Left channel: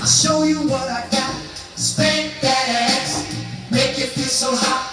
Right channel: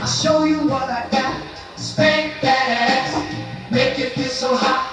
I'll show you what I got. Spank that ass, make you feel so hot.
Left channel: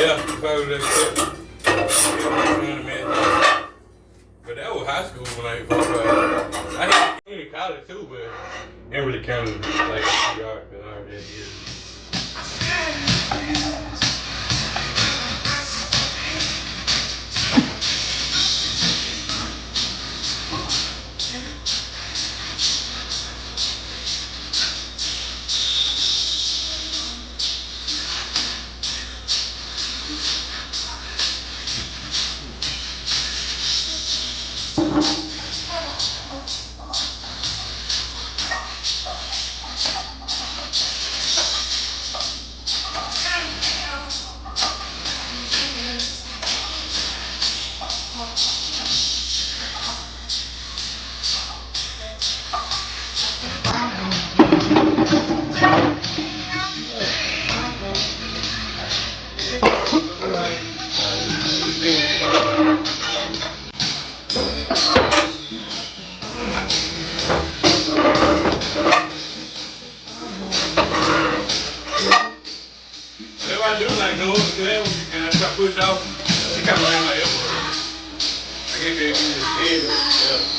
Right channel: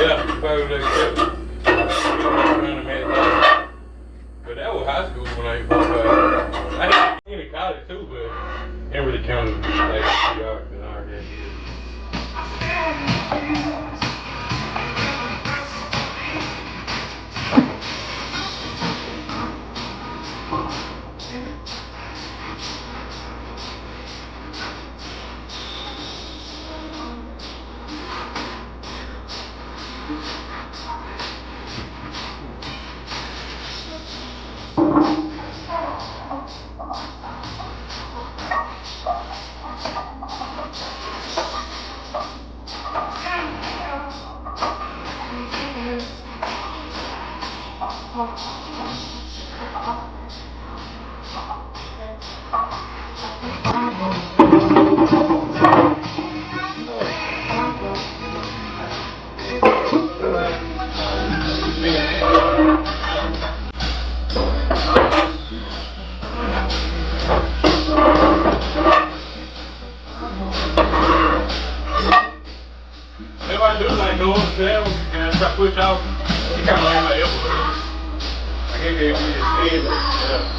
Yeah, probably that. But that was high school when I had in college too, but didn't really count as like a PR because I already did. I do like go up to him and I try to push off. He kind of like my elbow. I can't be able to his head, but yeah.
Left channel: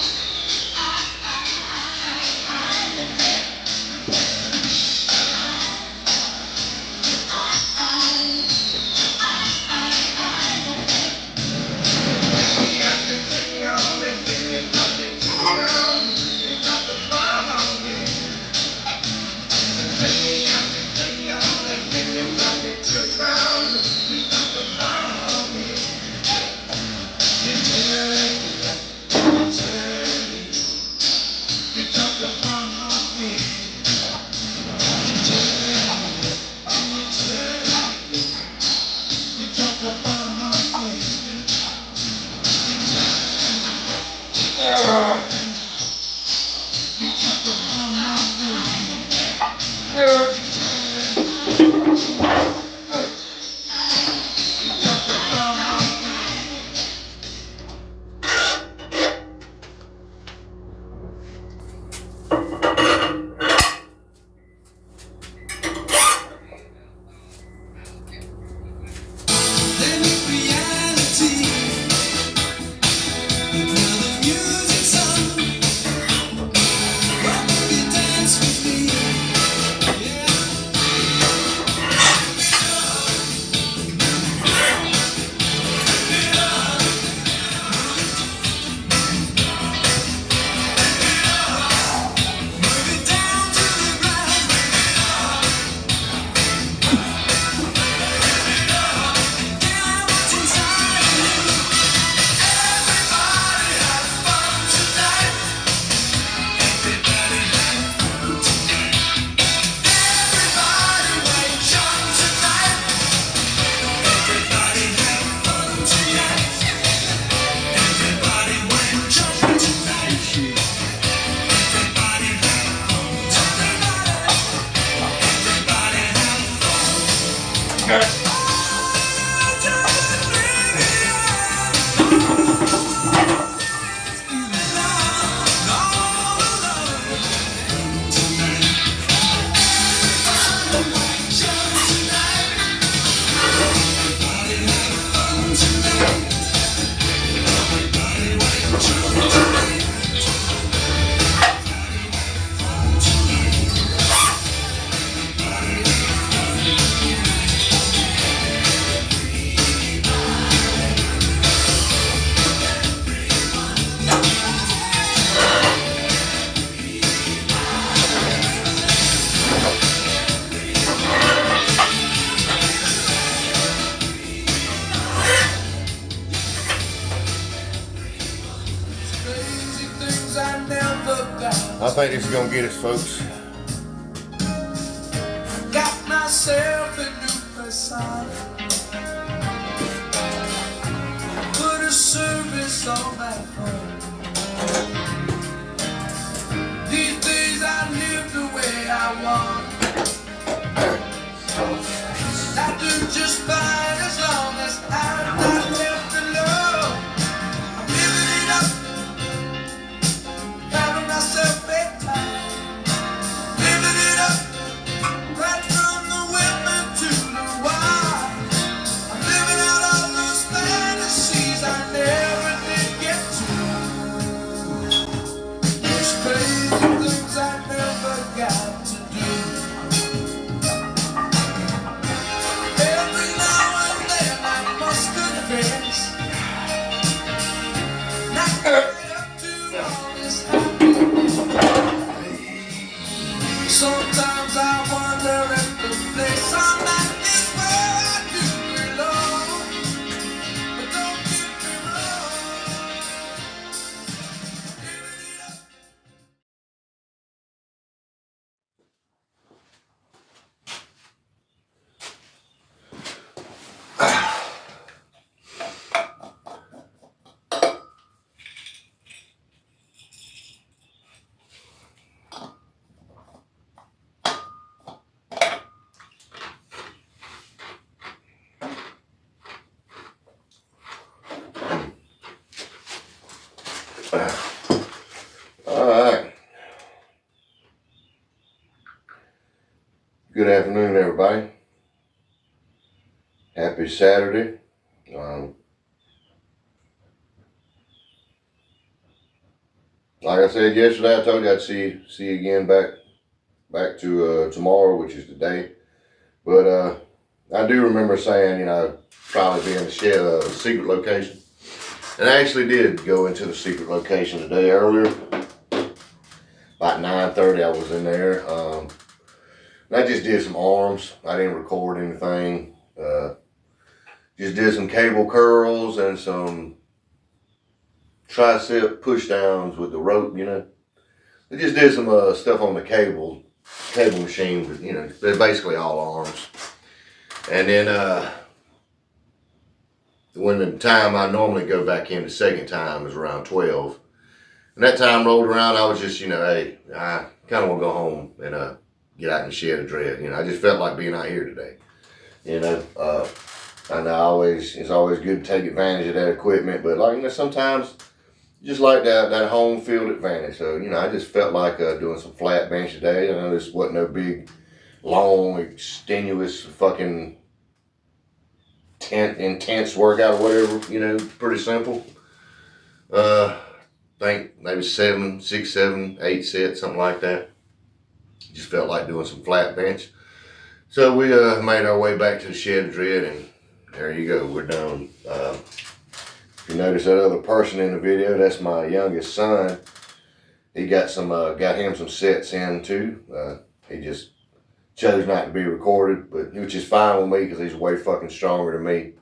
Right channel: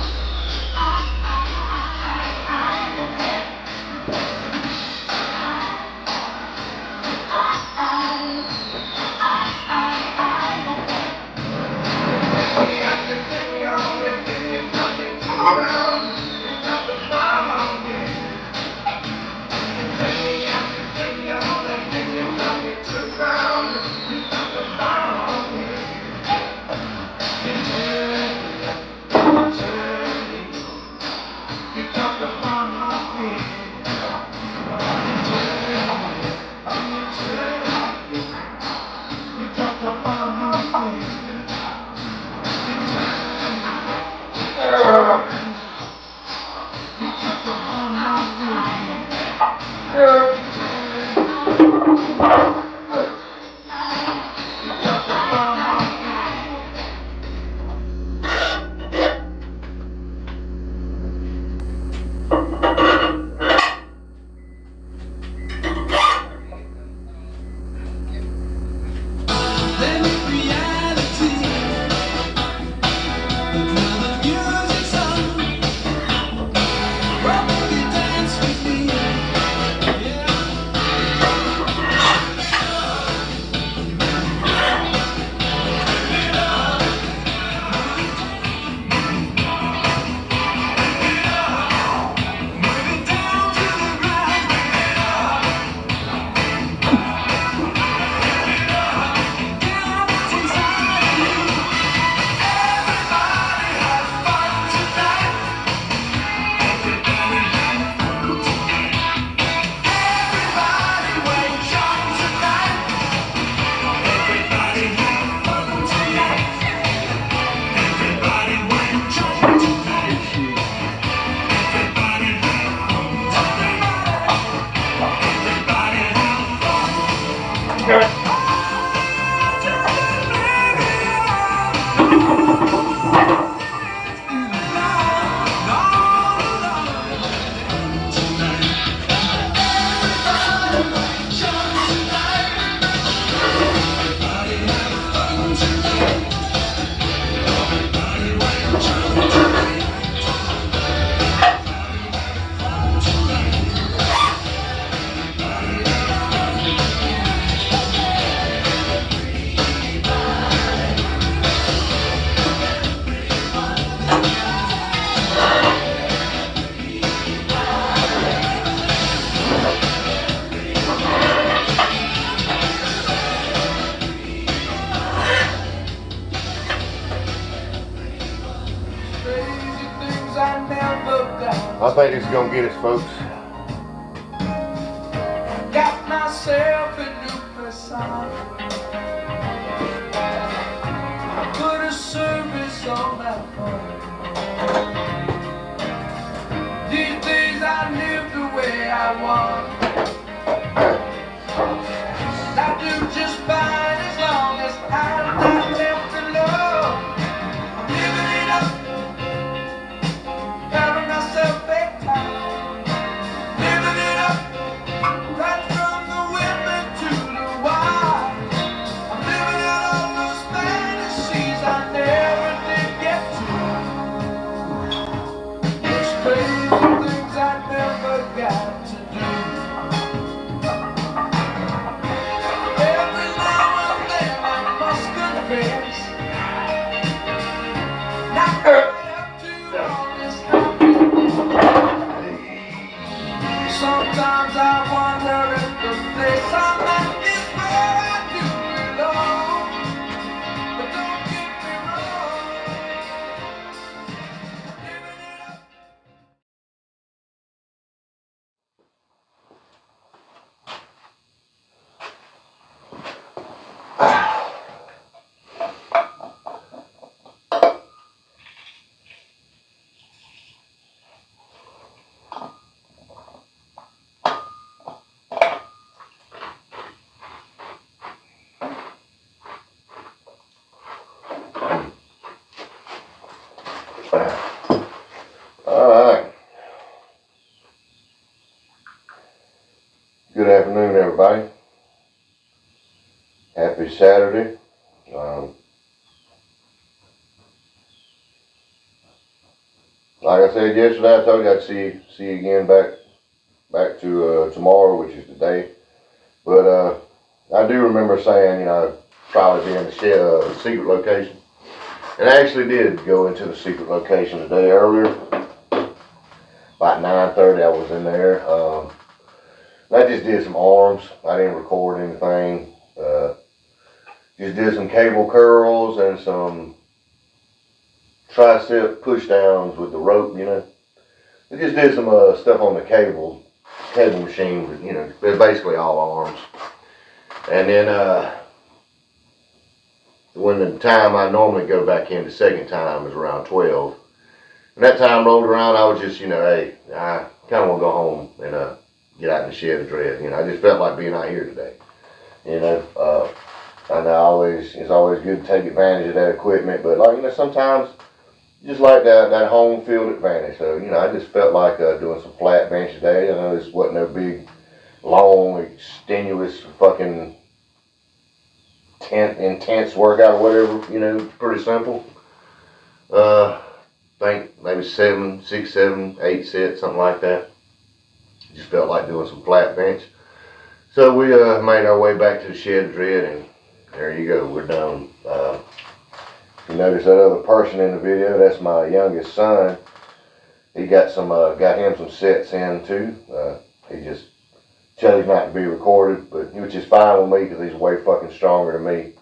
I think this is gonna get us, folks. Got myself a new persona. Put a service on that phone. These days I live the way I want. I do just fine as long as I'm not left alone. I'm living it up, having myself big time. Living it up, right from the women to the wild. I'm Happy Saturday. Like I said yesterday, I told you I'd see you again back to tomorrow, which is today. But I do remember saying, probably be in the shed, secret location. And I actually did go into the secret location today earlier. About 9:30 I was in there. And I just did some arms. I didn't record anything. Just did some cable curls and some tricep push downs with the rope, I just did some stuff on the cable machine, but, basically all arms. And then when the time I normally go back in the second time is around 12. And that time rolled around, I was just, hey, I kind of want to go home and get out in the shed of dread. I just felt like being out here today. I know it's always good to take advantage of that equipment, but sometimes you just like that home field advantage. So, I just felt like doing some flat bench today. I know this wasn't no big, long, extenuous, fucking intense workout or whatever, pretty simple. Think maybe 6, 7, 8 sets, something like that. Just felt like doing some flat bench. So we made our way back to the shed of dread, and there you go, we're done. If you notice that other person in the video, that's my youngest son. He got him some sets in too. He just chose not to be recorded, but which is fine with me because he's way fucking stronger than me.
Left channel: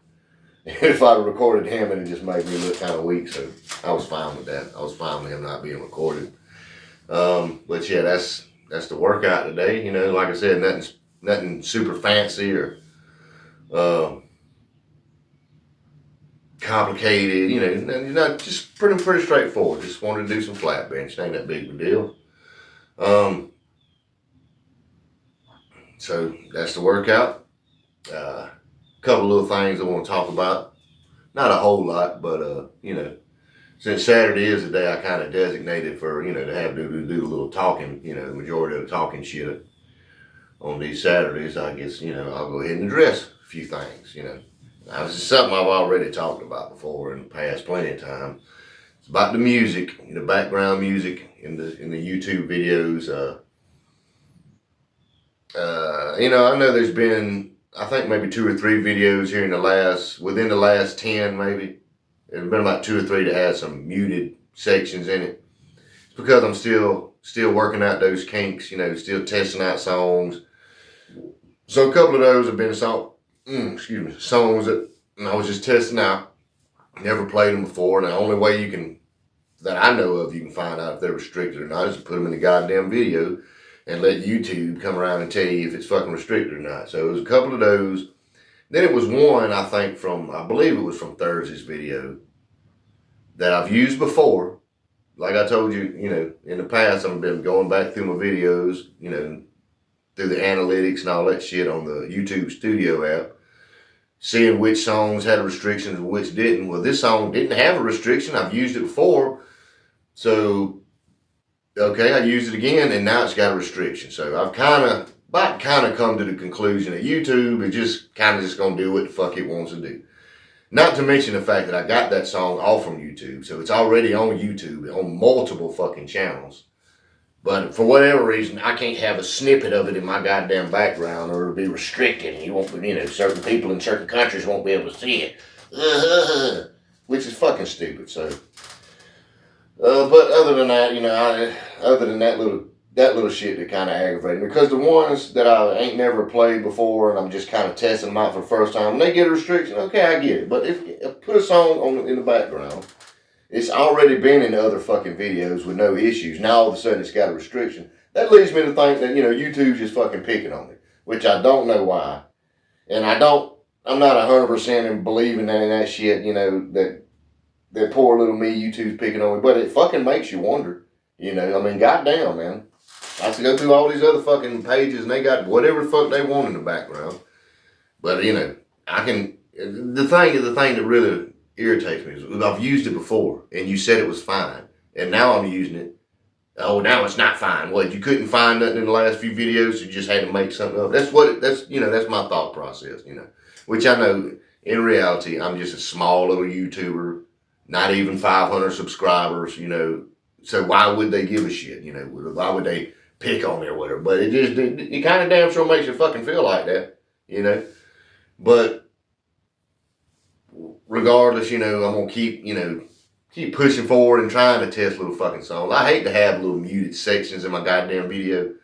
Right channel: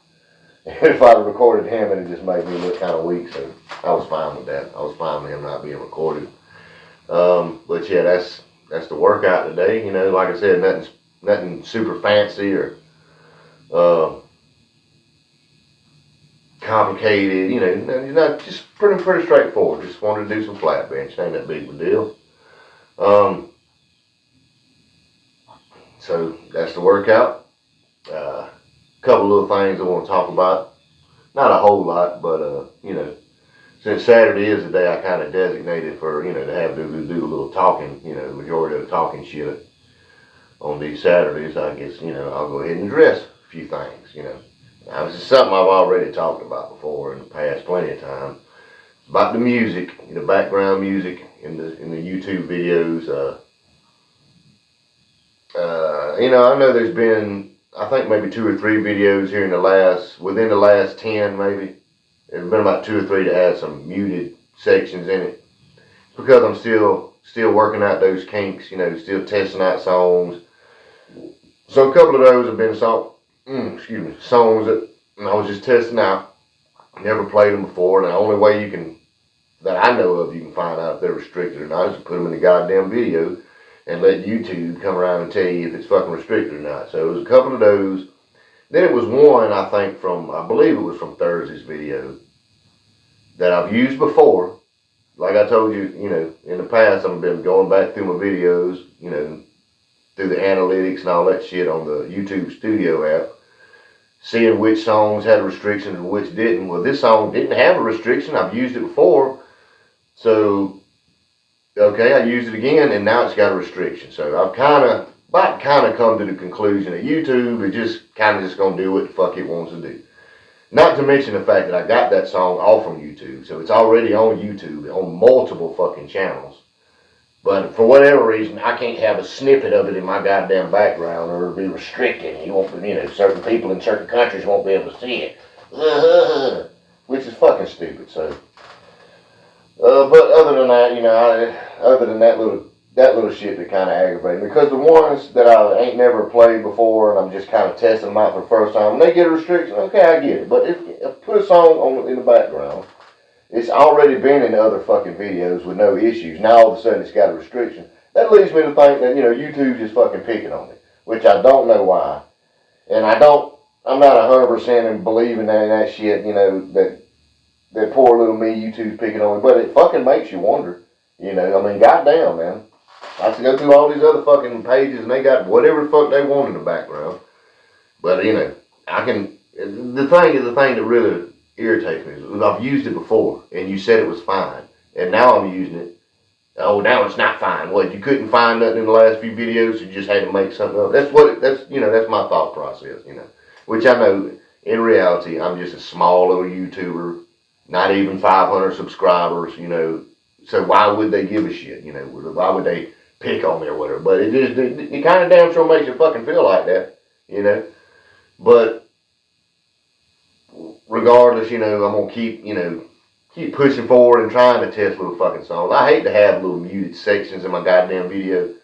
If I'd recorded him, it just made me look kind of weak, so I was fine with that. I was fine with him not being recorded. But yeah, that's the workout today. Like I said, nothing super fancy or complicated. Not just pretty straightforward. Just wanted to do some flat bench. Ain't that big of a deal. So that's the workout. Couple little things I want to talk about. Not a whole lot, but since Saturday is the day I kind of designated for to have to do a little talking. The majority of the talking shit on these Saturdays. I guess I'll go ahead and address a few things. Now, this is something I've already talked about before in the past plenty of time. It's about the music, the background music in the YouTube videos. I know there's been, I think maybe 2 or 3 videos here within the last 10 maybe. There's been about 2 or 3 that had some muted sections in it. It's because I'm still working out those kinks, still testing out songs. So a couple of those have been songs that I was just testing out. Never played them before, and the only way that I know of, you can find out if they're restricted or not is to put them in the goddamn video and let YouTube come around and tell you if it's fucking restricted or not. So it was a couple of those. Then it was one, I believe it was from Thursday's video that I've used before. Like I told you, in the past, I've been going back through my videos, through the analytics and all that shit on the YouTube Studio app, seeing which songs had restrictions and which didn't. Well, this song didn't have a restriction. I've used it before. So, okay, I used it again, and now it's got a restriction. So I've kind of come to the conclusion that YouTube is just going to do what the fuck it wants to do. Not to mention the fact that I got that song off from YouTube. So it's already on YouTube, on multiple fucking channels. But for whatever reason, I can't have a snippet of it in my goddamn background, or it'll be restricted. And you won't, certain people in certain countries won't be able to see it. Which is fucking stupid, so. But other than that, other than that little shit that kind of aggravated me. Because the ones that I ain't never played before and I'm just kind of testing them out for the first time, when they get a restriction, okay, I get it. But if put a song in the background, it's already been in other fucking videos with no issues. Now all of a sudden it's got a restriction. That leads me to think that, YouTube's just fucking picking on me. Which I don't know why. And I'm not 100% in believing that shit, that poor little me, YouTube's picking on me. But it fucking makes you wonder. Goddamn, man. I have to go through all these other fucking pages and they got whatever the fuck they want in the background. But, the thing that really irritates me is I've used it before and you said it was fine. And now I'm using it. Oh, now it's not fine. What, you couldn't find nothing in the last few videos, you just had to make something up. That's my thought process, which I know in reality I'm just a small little YouTuber, not even 500 subscribers, you know. So why would they give a shit, you know? Why would they pick on me or whatever? But it kind of damn sure makes you fucking feel like that, you know. But regardless, you know, I'm gonna keep pushing forward and trying to test little fucking songs. I hate to have little muted sections in my goddamn video,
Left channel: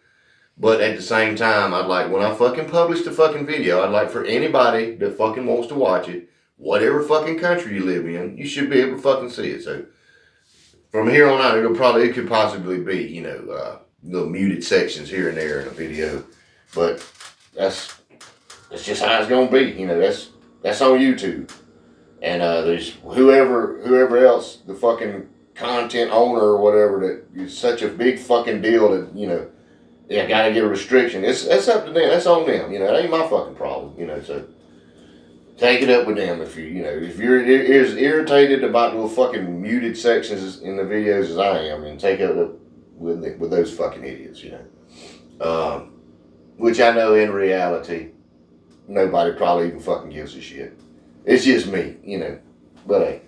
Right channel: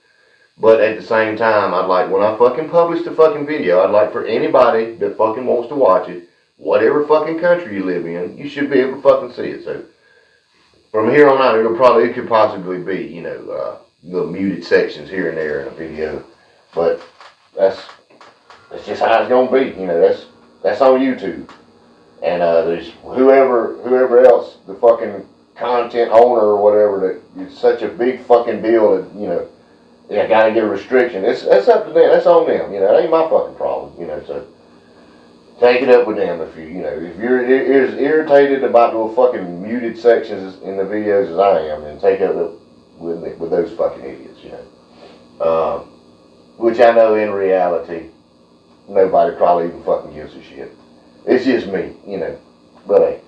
but at the same time, I'd like, when I fucking publish the fucking video, I'd like for anybody that fucking wants to watch it, whatever fucking country you live in, you should be able to fucking see it. So from here on out, it could possibly be, you know, little muted sections here and there in a video, but that's just how it's gonna be. You know, that's on YouTube. And there's whoever else, the fucking content owner or whatever, that is such a big fucking deal that, you know, yeah, gotta get a restriction. It's up to them. That's on them. You know, it ain't my fucking problem. You know, so take it up with them if if you're as irritated about the little fucking muted sections in the videos as I am, then take it up with those fucking idiots. You know, which I know in reality, nobody probably even fucking gives a shit. It's just me, you know. But hey,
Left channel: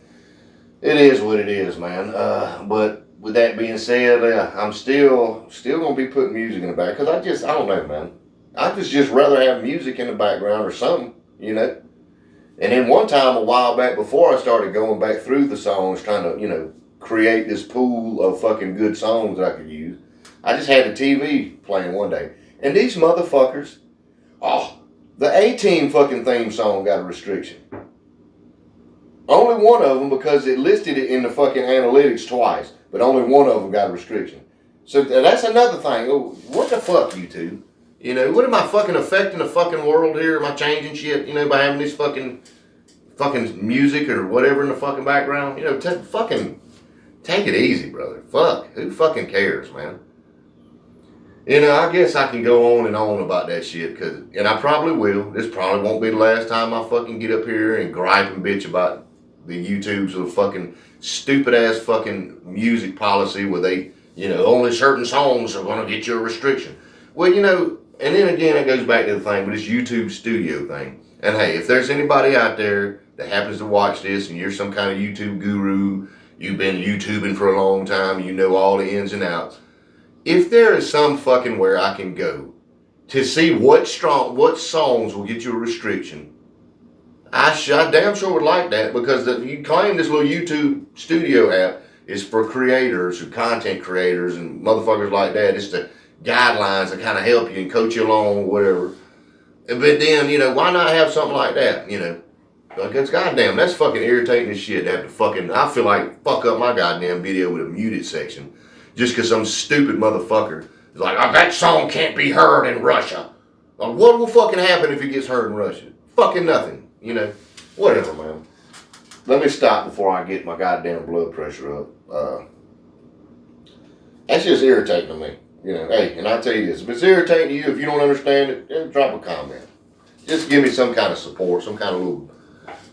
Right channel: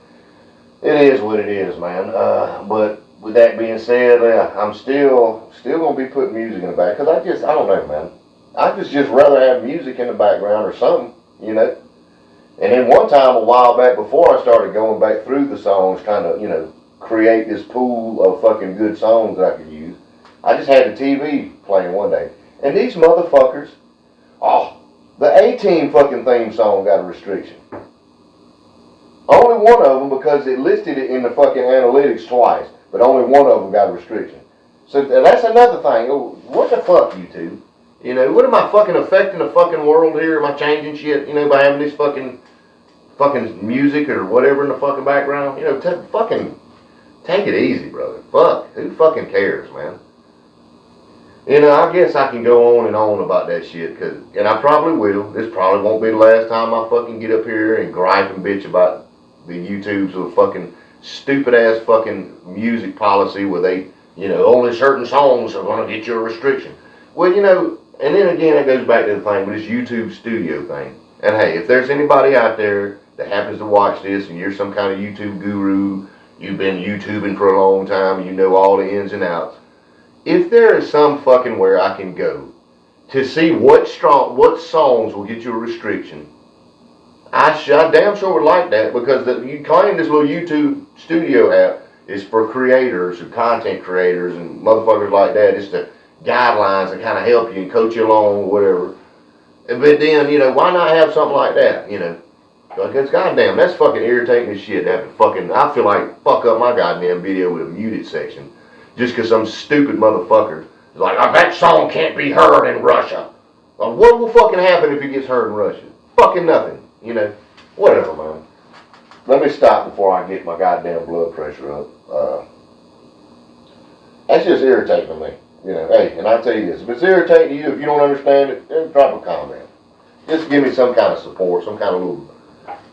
it is what it is, man. But with that being said, I'm still gonna be putting music in the back, because I don't know, man. I just rather have music in the background or something, you know. And then one time a while back, before I started going back through the songs, trying to, you know, create this pool of fucking good songs that I could use, I just had the TV playing one day, and these motherfuckers, the A-Team fucking theme song got a restriction. Only one of them, because it listed it in the fucking analytics twice, but only one of them got a restriction. So that's another thing. What the fuck, YouTube? You know, what am I fucking affecting the fucking world here? Am I changing shit, you know, by having this fucking music or whatever in the fucking background? You know, fucking take it easy, brother. Fuck. Who fucking cares, man? You know, I guess I can go on and on about that shit, and I probably will. This probably won't be the last time I fucking get up here and gripe and bitch about the YouTube's little fucking stupid ass fucking music policy where they, you know, only certain songs are gonna get you a restriction. Well, you know, and then again, it goes back to the thing with this YouTube studio thing. And hey, if there's anybody out there that happens to watch this and you're some kind of YouTube guru, you've been YouTubing for a long time, you know all the ins and outs, if there is some fucking where I can go to see what songs will get you a restriction, I damn sure would like that, because you claim this little YouTube studio app is for creators and content creators and motherfuckers like that. It's the guidelines that kind of help you and coach you along or whatever. But then, you know, why not have something like that, you know? Because goddamn, that's fucking irritating as shit to have to fucking, I feel like, fuck up my goddamn video with a muted section just because some stupid motherfucker is like, that song can't be heard in Russia. Well, what will fucking happen if it gets heard in Russia? Fucking nothing. You know, whatever, man. Let me stop before I get my goddamn blood pressure up. That's just irritating to me. You know, hey, and I tell you this, if it's irritating to you, if you don't understand it, then drop a comment. Just give me some kind of support, some kind of little,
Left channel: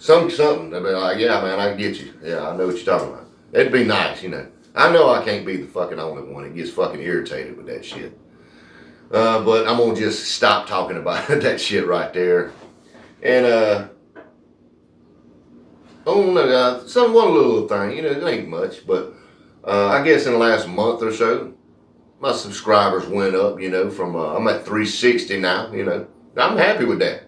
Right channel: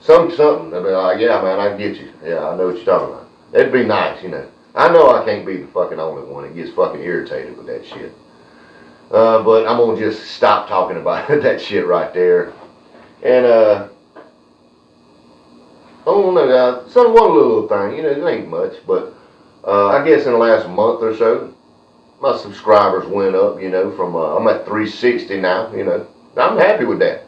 something. They'll be like, yeah, man, I get you. Yeah, I know what you're talking about. It'd be nice, you know. I know I can't be the fucking only one that gets fucking irritated with that shit. But I'm gonna just stop talking about that shit right there. And, one little thing, you know, it ain't much, but I guess in the last month or so, my subscribers went up, you know, from, I'm at 360 now, you know. I'm happy with that.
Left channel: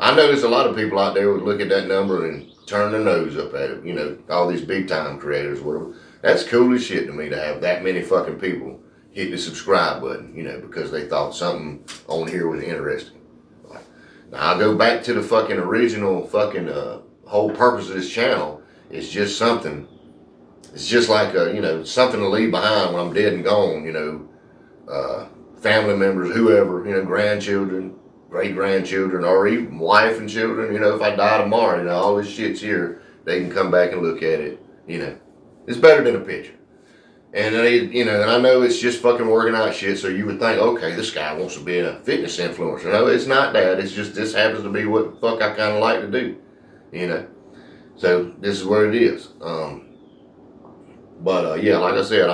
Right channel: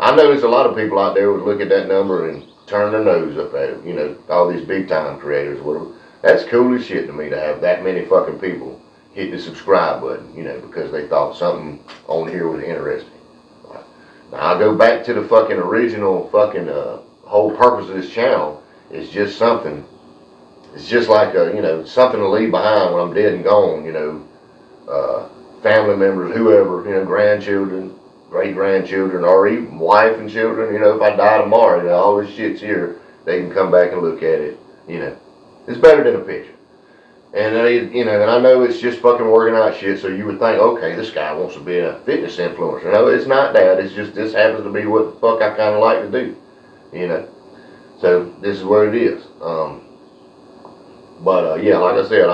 I know there's a lot of people out there who would look at that number and turn their nose up at it, you know, all these big time creators, whatever. That's cool as shit to me to have that many fucking people hit the subscribe button, you know, because they thought something on here was interesting. Now, I'll go back to the fucking original fucking, whole purpose of this channel is just something. It's just like you know, something to leave behind when I'm dead and gone. You know, family members, whoever, you know, grandchildren, great grandchildren, or even wife and children. You know, if I die tomorrow, you know, all this shit's here. They can come back and look at it. You know, it's better than a picture. And you know, and I know it's just fucking working out shit. So you would think, okay, this guy wants to be a fitness influencer. No, it's not that. It's just this happens to be what the fuck I kind of like to do. You know, so this is what it is. Yeah, like I said,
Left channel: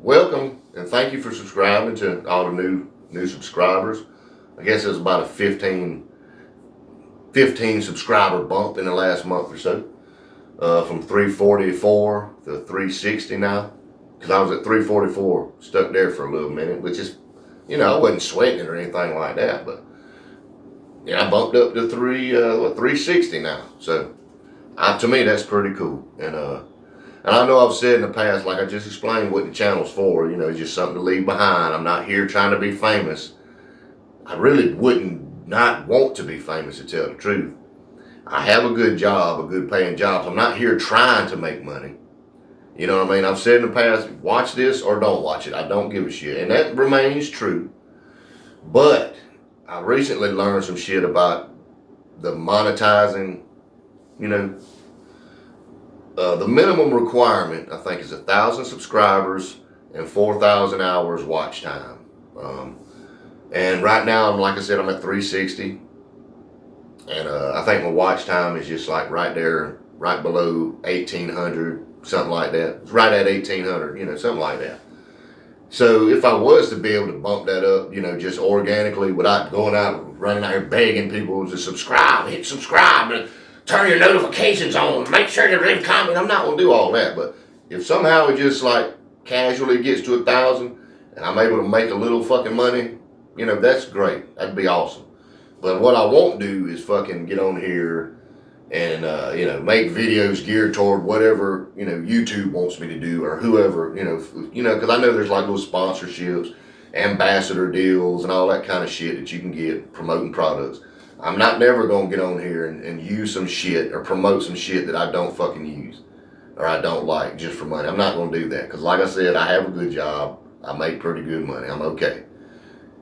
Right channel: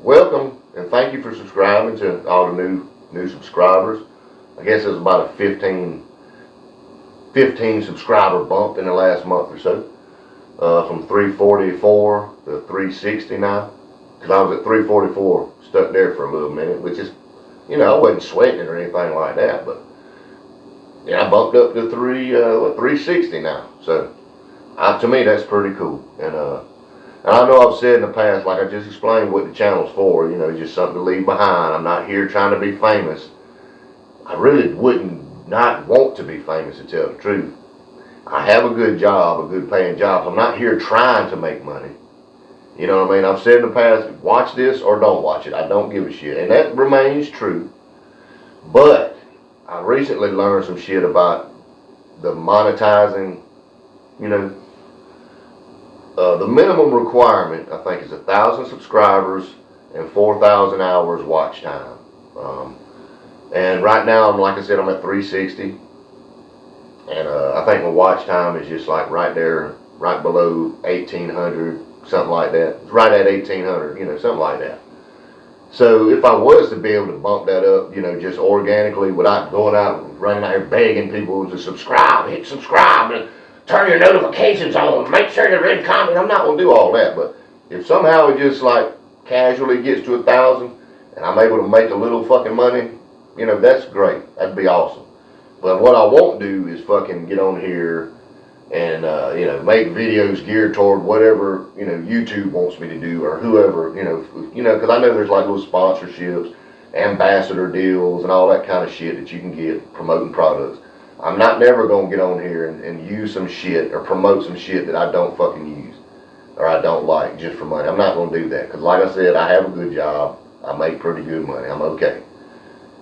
welcome and thank you for subscribing to all the new subscribers. I guess there's about a 15 15 subscriber bump in the last month or so, from 344 to 360 now. Because I was at 344, stuck there for a little minute, which is, you know, I wasn't sweating it or anything like that, but yeah, I bumped up to 360 now. So to me, that's pretty cool. And I know I've said in the past, like I just explained what the channel's for, you know, just something to leave behind. I'm not here trying to be famous. I really wouldn't not want to be famous, to tell the truth. I have a good job, a good paying job. So I'm not here trying to make money. You know what I mean? I've said in the past, watch this or don't watch it. I don't give a shit. And that remains true. But I recently learned some shit about the monetizing, you know. The minimum requirement, I think, is 1,000 subscribers and 4,000 hours watch time. And right now, like I said, I'm at 360. And I think my watch time is just like right there, right below 1,800. Something like that. It's right at 1,800, you know, something like that. So if I was to be able to bump that up, you know, just organically without going out, running out here begging people to subscribe, hit subscribe, and turn your notifications on, make sure to leave a comment. I'm not going to do all that. But if somehow it just like casually gets to 1,000 and I'm able to make a little fucking money, you know, that's great. That'd be awesome. But what I won't do is fucking get on here and you know, make videos geared toward whatever, you know, YouTube wants me to do, or whoever, you know, because I know there's like little sponsorships, ambassador deals, and all that kind of shit that you can get promoting products. I'm not never gonna get on here and use some shit or promote some shit that I don't fucking use or I don't like just for money. I'm not gonna do that, because like I said, I have a good job. I make pretty good money. I'm okay.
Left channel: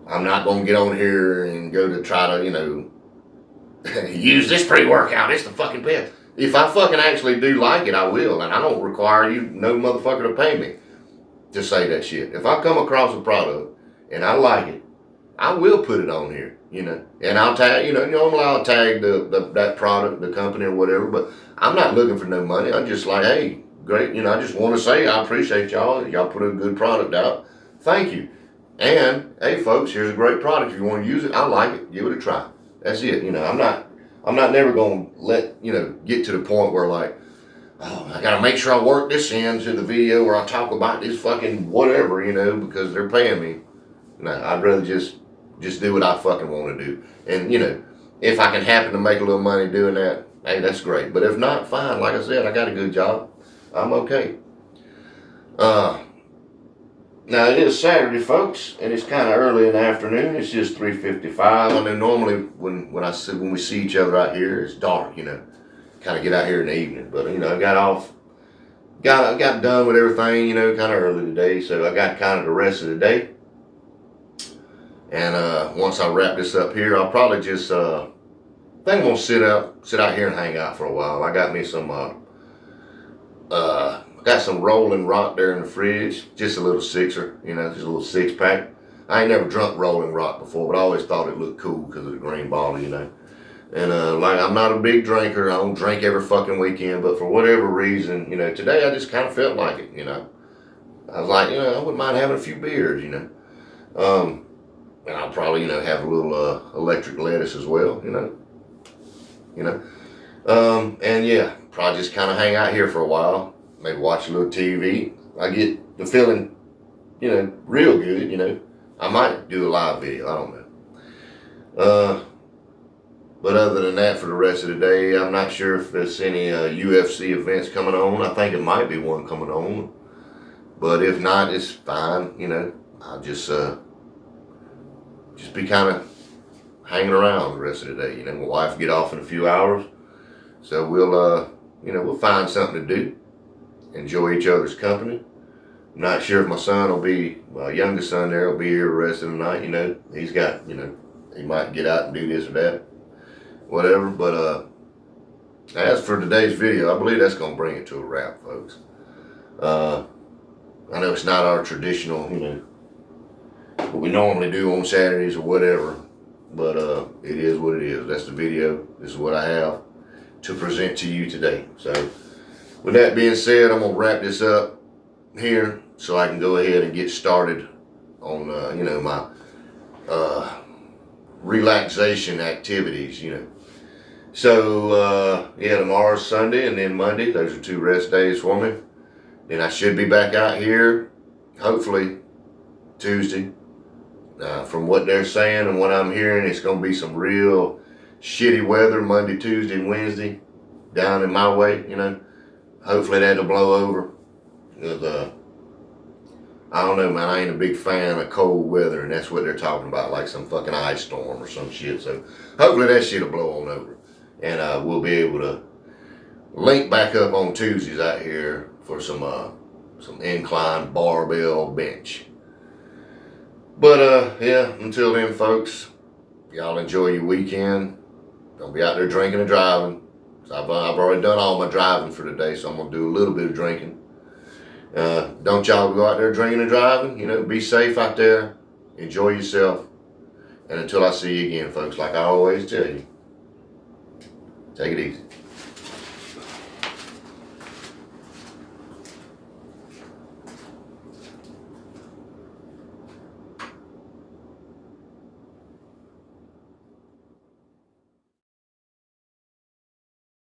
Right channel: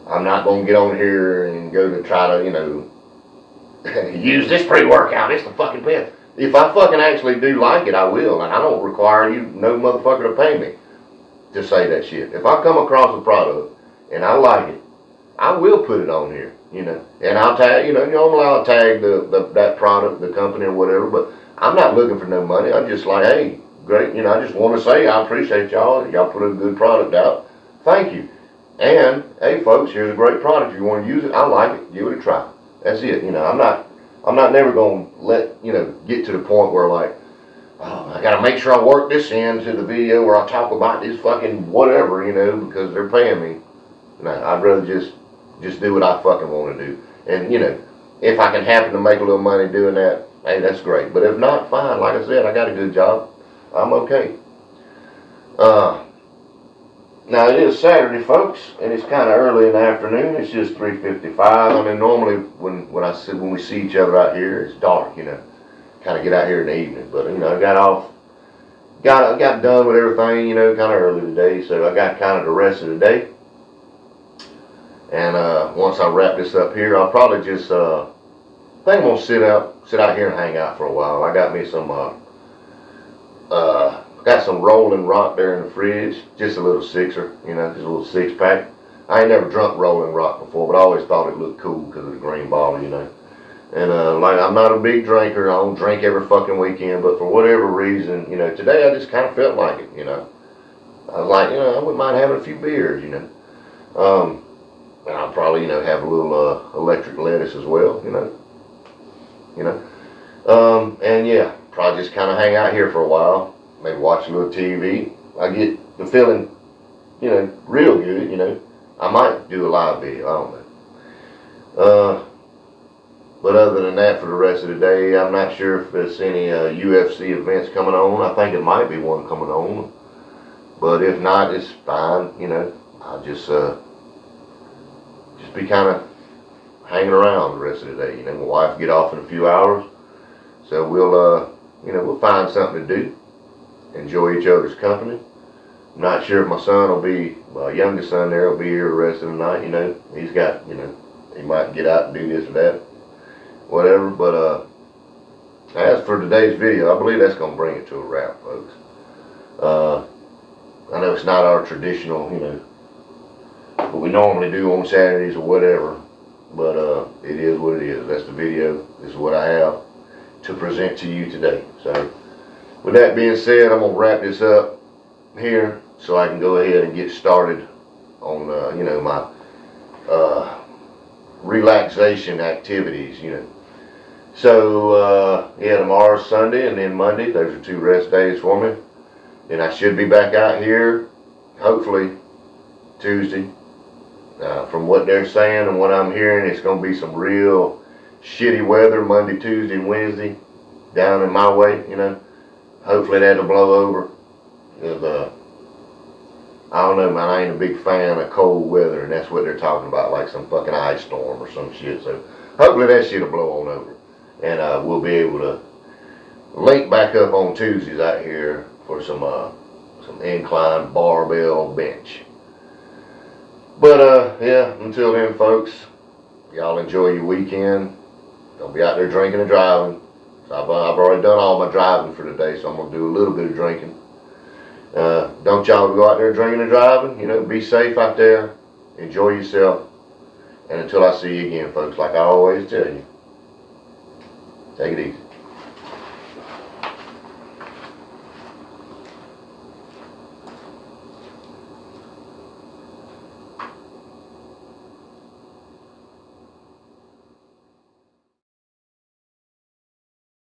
I'm not gonna get on here and go to try to, you know, use this pre-workout, it's the fucking best. If I fucking actually do like it, I will, and I don't require you, no motherfucker, to pay me to say that shit. If I come across a product and I like it, I will put it on here, you know, and I'll tag, you know, normally I'll tag that product, the company or whatever, but I'm not looking for no money. I'm just like, hey, great, you know, I just want to say I appreciate y'all. Y'all put a good product out. Thank you. And, hey, folks, here's a great product. If you want to use it, I like it. Give it a try. That's it. You know, I'm not never going to let, you know, get to the point where like, oh, I got to make sure I work this into the video where I talk about this fucking whatever, you know, because they're paying me. No, I'd rather just do what I fucking want to do. And, you know, if I can happen to make a little money doing that, hey, that's great. But if not, fine. Like I said, I got a good job. I'm okay. Now, it is Saturday, folks, and it's kind of early in the afternoon. It's just 3:55. I know normally when we see each other out here, it's dark, you know. Kind of get out here in the evening. But, you know, I got done with everything, you know, kind of early today. So I got kind of the rest of the day. And once I wrap this up here, I'll probably just, I think I'm going to sit out here and hang out for a while. I got me some, got some Rolling Rock there in the fridge, just a little sixer, you know, just a little 6-pack. I ain't never drunk Rolling Rock before, but I always thought it looked cool because of the green bottle, you know. And like, I'm not a big drinker. I don't drink every fucking weekend, but for whatever reason, you know, today I just kind of felt like it, you know. I was like, you know, I wouldn't mind having a few beers, you know. And I'll probably, you know, have a little electric lettuce as well, you know. And yeah, probably just kind of hang out here for a while. Maybe watch a little TV. I get the feeling, you know, real good, you know. I might do a live video, I don't know. But other than that, for the rest of the day, I'm not sure if there's any UFC events coming on. I think it might be one coming on. But if not, it's fine, you know. I'll just be kind of hanging around the rest of the day. You know, my wife will get off in a few hours. So we'll, you know, we'll find something to do. Enjoy each other's company. I'm not sure if my son will be, my youngest son there will be here the rest of the night, you know. He's got, you know, he might get out and do this or that, whatever. But as for today's video, I believe that's going to bring it to a wrap, folks. I know it's not our traditional, you know, what we normally do on Saturdays or whatever, but it is what it is. That's the video. This is what I have to present to you today. So with that being said, I'm going to wrap this up here so I can go ahead and get started on, you know, my relaxation activities, you know. So, yeah, tomorrow's Sunday and then Monday. Those are 2 rest days for me. And I should be back out here, hopefully, Tuesday. From what they're saying and what I'm hearing, it's going to be some real shitty weather Monday, Tuesday, and Wednesday down in my way, you know. Hopefully that'll blow over. Because, I don't know, man, I ain't a big fan of cold weather, and that's what they're talking about, like some fucking ice storm or some shit. So hopefully that shit'll blow on over. And we'll be able to link back up on Tuesdays out here for some incline barbell bench. But yeah, until then, folks, y'all enjoy your weekend. Don't be out there drinking and driving. So I've already done all my driving for today, so I'm gonna do a little bit of drinking. Don't y'all go out there drinking and driving. You know, be safe out there. Enjoy yourself. And until I see you again, folks, like I always tell you, take it easy.